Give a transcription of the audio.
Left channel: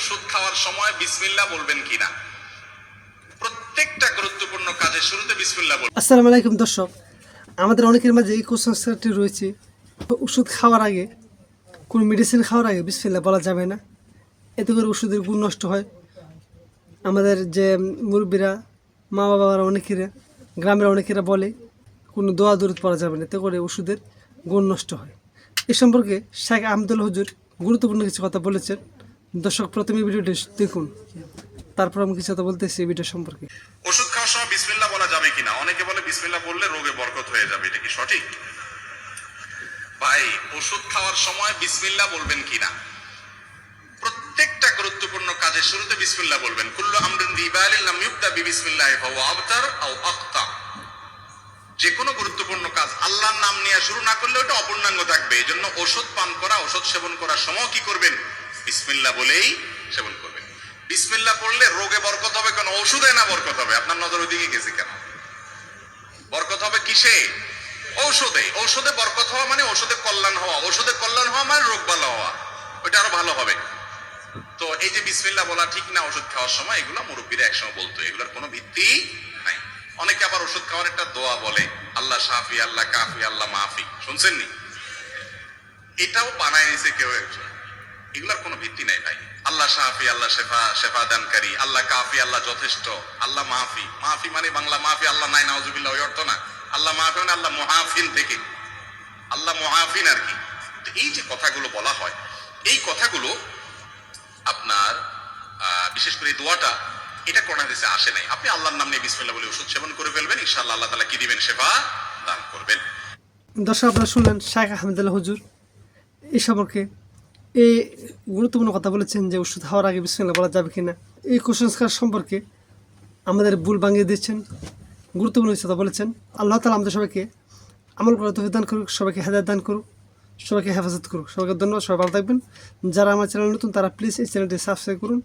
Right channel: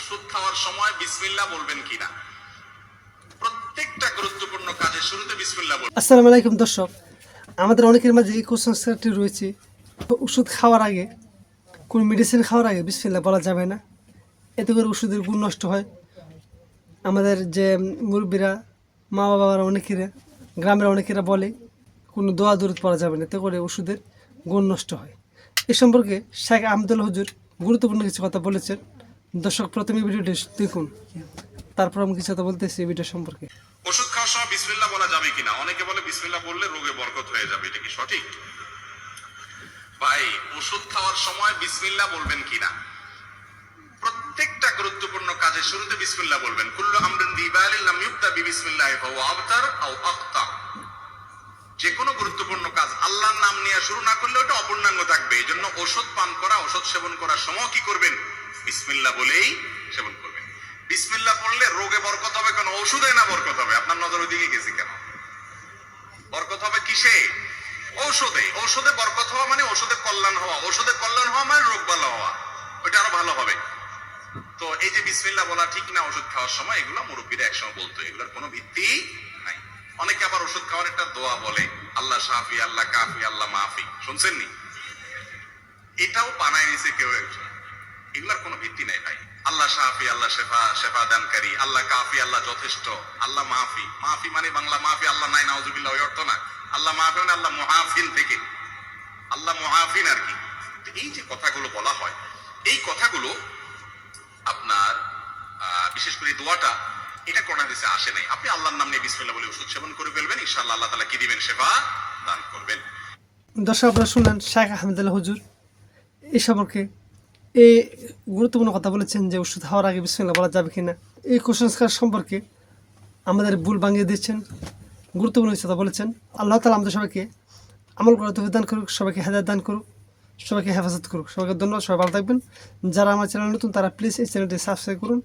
ওষুধ খাওয়ার সময় বিসমিল্লাহ বলবেন কিনা। প্রত্যেকটা গুরুত্বপূর্ণ কাজের শুরুতে বিসমিল্লাহ বলবেন। আসসালামু আলাইকুম দর্শক, আমাদের অনেকের মাঝে এই কুসংস্কারটি রয়েছে, ওষুধ খাওয়ার আগে, কোনো মেডিসিন খাওয়ার আগে বিসমিল্লাহ বলা যাবে না, এতে করে ওষুধের গুণ নষ্ট হয়। আমাদের যে মুরব্বীরা, মা বাবারা, অনেকেরা, গ্রামের অনেকেরা বলে কোনো দোয়া দরুদ পড়া যাবে না, এতে করে ওষুধের গুণ নষ্ট হয়। এ সম্পর্কে শেখ আহমদুল্লাহ হুজুর গুরুত্বপূর্ণ কিছু কথা বলেছেন। দর্শক, প্রথমে ভিডিওটি দেখুন, তারপর আমি কিছু কথা বলতেছি এই ভিডিও সম্পর্কে। ওষুধ খাওয়ার সময় বিসমিল্লাহ বলা যাবে কিনা। অনেকে বলে বিসমিল্লাহ বললে রোগে বরকত হয়ে যাবে, এটা কি সঠিক? ভাই, ওষুধ খাওয়ার সময় বিসমিল্লাহ বলবেন কিনা। প্রত্যেকটা গুরুত্বপূর্ণ কাজের শুরুতে বিসমিল্লাহ বলবেন। কুল্লু আমরিন যিবালিন লাম ইবদা বিবিসমিল্লাহি ফাহুয়া আবতার আও আখতা। যে কোনো গুরুত্বপূর্ণ কাজ আল্লাহর নাম নিয়ে শুরু না করলে ওটা অপূর্ণাঙ্গ থাকবে। এই জন্য ওষুধ পান করা, ওষুধ সেবন করার সময় কি করবেন? বিসমিল্লাহ বলেই সেবন করবেন। বিসমিল্লাহ পড়লে রোগে বরকত হবে কেন? ওষুধে না বরকত হবে? আপনার নজর ওইদিকে গেছে কেন? বরকত হবে কিসে? ঔষধে। ঔষধে বরকত হওয়া মানে ওষুধে কল্যাণ হওয়া। ওষুধে কল্যাণ হওয়া মানে রোগ ভালো হওয়া, ওইটা আরো ভালো হবে। তো এই যে বিসমিল্লাহ বলা ঠিক না ওষুধ খাওয়ার সময়, এগুলো মুরব্বীরা একসময় বলতো, এগুলোর কোনো ভিত্তি নাই। অনেকে আবার ওষুধ খাওয়ার একটা দোয়া বলে, আল্লাহ শাফি, আল্লাহ কাফি, আল্লাহ মাফি। শুনছেন নি? এটাও বানায় নিছে কেউ একজন। এগুলার কোনো ভিত্তি নাই ভাই। আল্লাহ শাফি, আল্লাহ শেফা, শেফা দানকারী, আল্লাহ কাফি, আল্লাহ যথেষ্ট, আল্লাহ মাফি। মাফি মানে বাংলা মাফি, আল্লাহ নাই নাউজুবিল্লাহ, ওই অর্থ না। আল্লাহ মাফি মানে আল্লাহ মুআফিন থেকে, আল্লাহ মুআফিন আর কি। এই যে কথাগুলো বলা হয়, এই কথাগুলো আপনার বিশেষ করে দোয়াটা, এটা কোরআন হাদিসে আসে নাই। আপনি আল্লাহর নাম নিয়ে বিসমিল্লাহ বলে ওষুধ সেবন করে ফেলবেন, ইনশাআল্লাহ আল্লাহ তাআলা কি দিবেন? শেফা দান করবেন। দর্শক, আপনারা শুনলেন শেখ আহমদুল্লাহ হুজুর এই সম্পর্কে এই গুরুত্বপূর্ণ কথা বলেছেন যে ওষুধ খাওয়ার আগে বিসমিল্লাহ বলা যাবে কিনা। এই কুসংস্কার সম্পর্কে আমাদের ভুল ভাঙিয়ে দিচ্ছেন, গুরুত্বপূর্ণ কথা বলেছেন। আল্লাহ তাআলা আমাদের সবাইকে আমল করার তৌফিক দান করুক, সবাইকে হেদায়েত দান করুক, সবাইকে হেফাজত করুক। সবাইকে ধন্যবাদ, সবাই ভালো থাকবেন। যারা আমার চ্যানেল নতুন তারা প্লিজ এই চ্যানেলটি সাবস্ক্রাইব করুন।